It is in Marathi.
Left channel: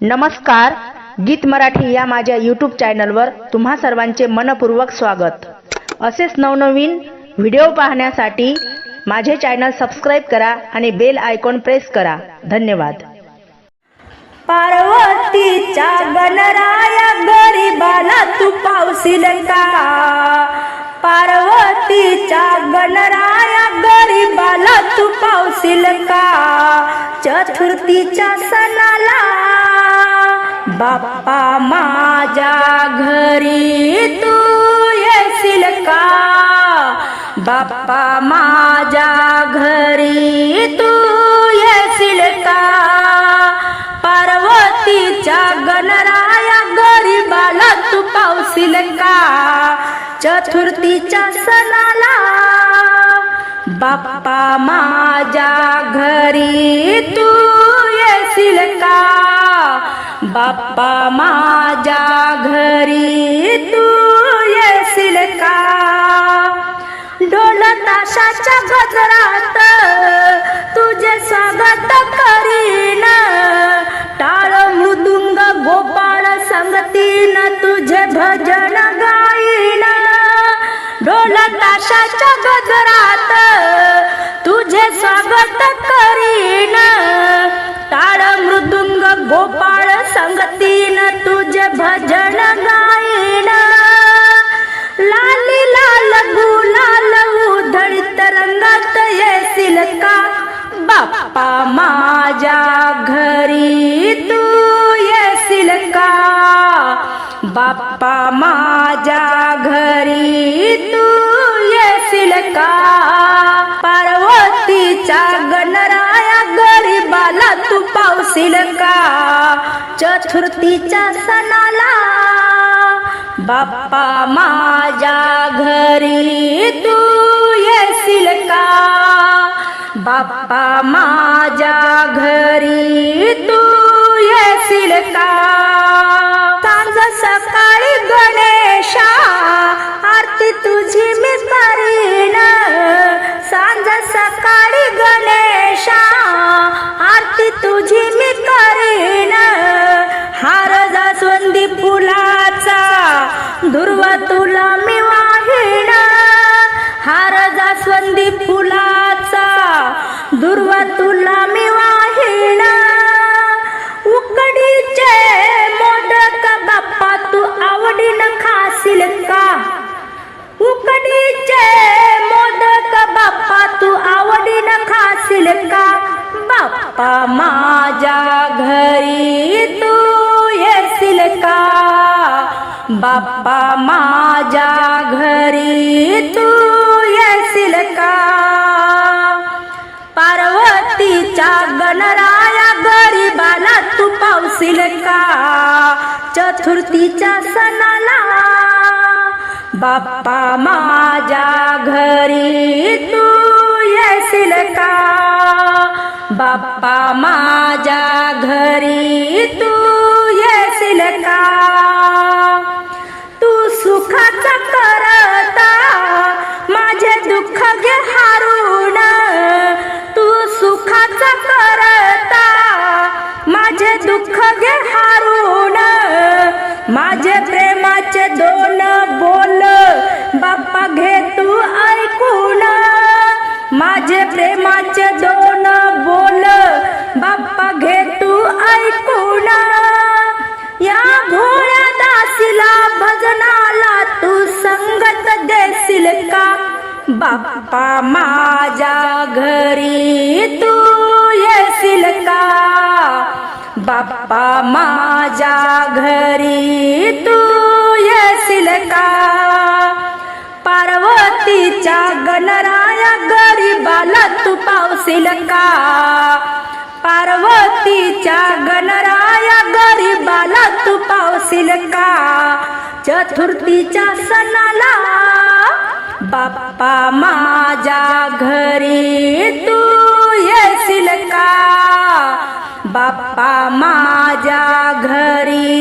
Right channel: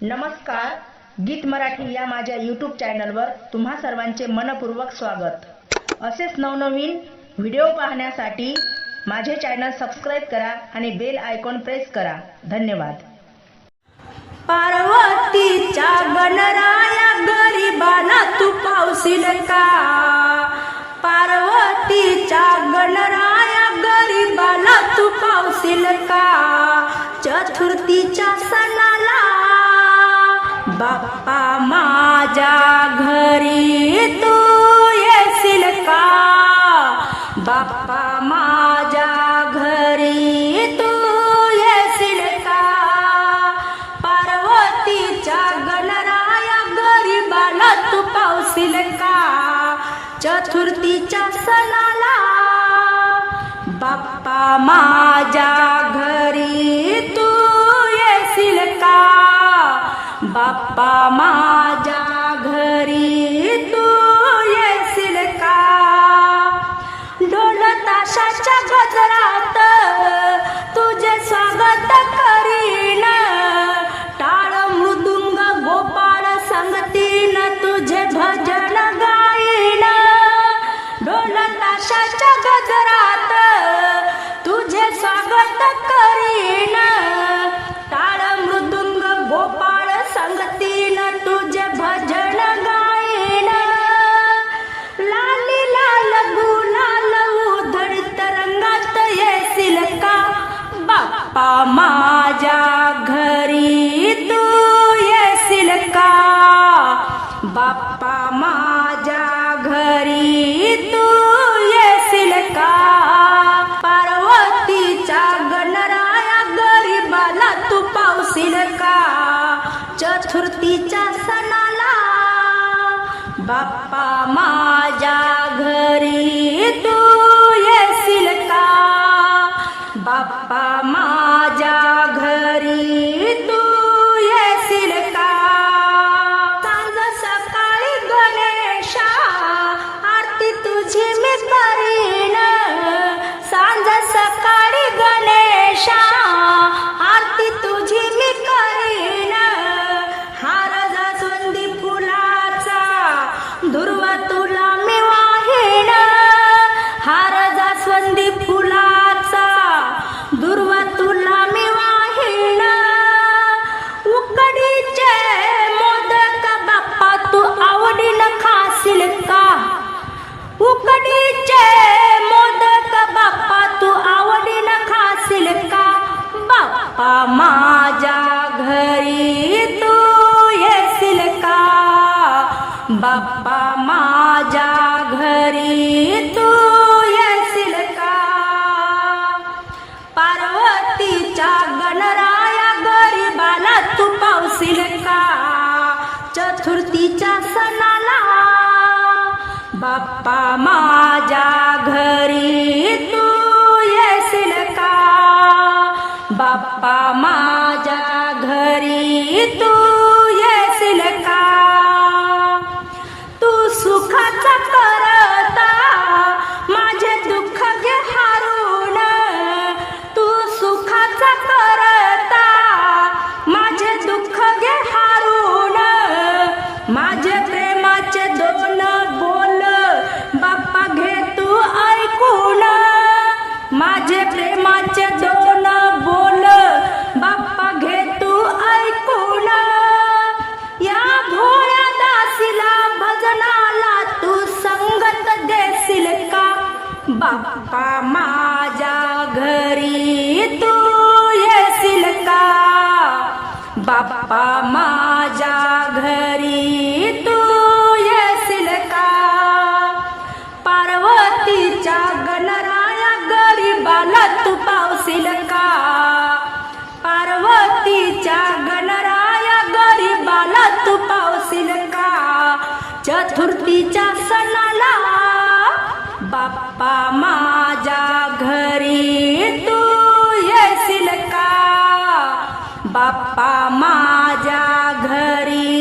नमस्कार गीत मराठी या माझ्या यूट्यूब चॅनलवर तुम्हा सर्वांचे मनपूर्वक स्वागत. असेच नवनवीन व्हिडिओ पाहण्यासाठी माझे चॅनल सबस्क्राईब करा आणि बेल आयकॉन प्रेस करा. धन्यवाद. पार्वतीच्या गणराया गरीबाला तू पावशील का? पार्वतीच्या गणराया गरीबाला तू पावशील का? चतुर्थीच्या सणाला बाप्पा माझ्या घरी तू येशील का? बाप्पा माझ्या घरी तू येशील का? पार्वतीच्या गणराया गरीबाला तू पावशील का? चतुर्थीच्या सणाला बाप्पा माझ्या घरी बाप्पा माझ्या घरी तू येशील का? ढोल ताशाच्या गजरात तुझे स्वागत करीन. टाळ मृदुंग गोपाळ संगतीन तुझे भजन गाईन. ढोल ताशाच्या गजरात का? बाप्पा माझ्या घरी तू येशील का? बाप्पा माझ्या घरी तू येशील का? पार्वतीचा गणराया गरीबाला तू पावशील का? चतुर्थीच्या सणाला बाप्पा माझ्या घरी तू येशील का? बाप्पा माझ्या घरी तू येशील का सांज सकाळी गणेशा आरती तुझी मी करीन. सांज सकाळी गणेशा आरती तुझी मी करीन. हार जास्वंदी फुलाचा दुर्वा तू आवडीन खाशील का उकडीचे मोदक बाप्पा तू आवडीन खाशील का बाप्पा माझ्या घरी तू येशील का बाप्पा माझ्या घरी तू येशील का पार्वतीच्या गणराया गरीबाला तू पावशील का चतुर्थीच्या सणाला. बाप्पा माझ्या घरी तू येशील का? बाप्पा माझ्या घरी तू येशील का? माझे प्रेमाचे दोन बोल. बाप्पा घे तू ऐकून. या भोळ्या दासीला भजनाला तू संगत देशील का? बाप्पा माझ्या घरी तू येशील का? बाप्पा माझ्या घरी तू येशील का? पार्वतीच्या गणरा गरीबाला तू पावशील का पार्वतीच्या गणराया गरीबाला तू पावशील का चतुर्थीच्या सणाला बाप्पा माझ्या घरी तू येशील का बाप्पा माझ्या घरी